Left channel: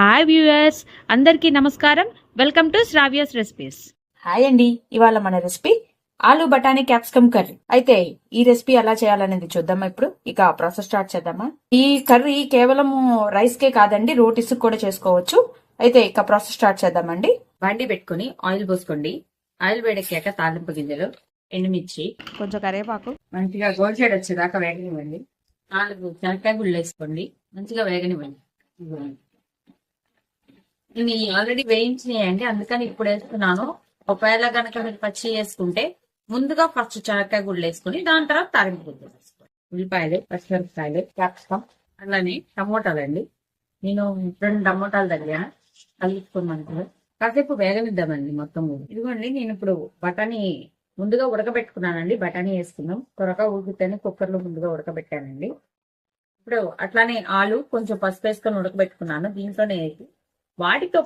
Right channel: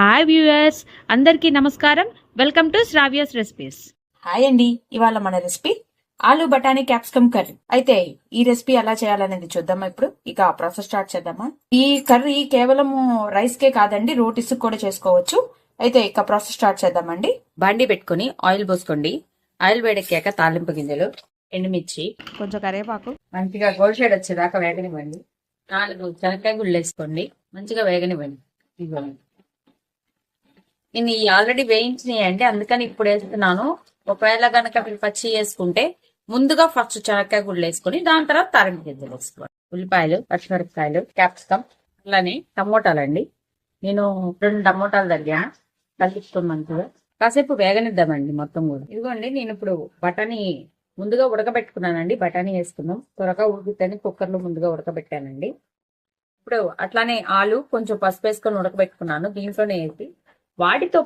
Hi viewers, అందరికీ నమస్కారం. Welcome to Sravya's recipes. Hi అండి. ఇవాళ మన రెసిపీ ఆలు బఠానీ క్యాప్సికమ్ కర్రీ. అయితే ఈ రెసిపీ ఎలా చేయాలనేది చూద్దామా. ఇప్పుడు ఇక ప్రాసెస్ స్టార్ట్ చేద్దామా. ఈ కర్రీ కేవలం రైస్ కే కాదండి, రోటీస్ కూడా చేసుకోవచ్చు. అయితే ఇక ప్రాసెస్ స్టార్ట్ చేద్దామండి. బండి పెట్టుకుని ఆయిల్ పోసుకోండి. ఆయిల్ వేడెక్కాక తాలింపు గింజలు, ఎండుమిర్చి, కొంచెం కరివేపాకు, మంచిగా గోల్డ్ షేడ్ వచ్చేదాకా వేగనివ్వండి. 4 శనక్కాయ గుళ్ళు వేసుకోండి, మంచిగా వేగనివ్వండి. ఇవ్వండి, ఇన్ని ఆల్రెడీ వేయించినాయండి, అందుకని ఇప్పుడు వేస్తున్నాను. ఒకవేళ గనక మీరు పచ్చి వేసుకుంటే ముందుగా ఫస్ట్ శనక్కాయ గుళ్ళు వేసుకొని దాని తర్వాత తాలింపు గింజలు వేసుకోవాలి. ఉల్లిపాయలు, పచ్చిమిరపకాయలు, క్యాప్సికమ్, అలానే టమోటాలు అండి. నేను 2 టమోటాలు దగ్గర కలుపుతున్నాను. కాసేపు వేగనిద్దామండి మొత్తం కూడా. ఇదిగోండి, నేను ఇప్పుడు బఠానీ ముందుగా ఉడకబెట్టుకున్నానండి. బఠానీ వేసుకున్నాం, త్వరగా ఉడుకుతని కుక్కర్లో ముందుగా ఉడకబెట్టానండి. ఇప్పుడు అట్లానే ఆలు కొంచెం పసుపు వేసుకొని ఉడకబెట్టుకున్నాను, దీంట్లోనే వేసి వాటితో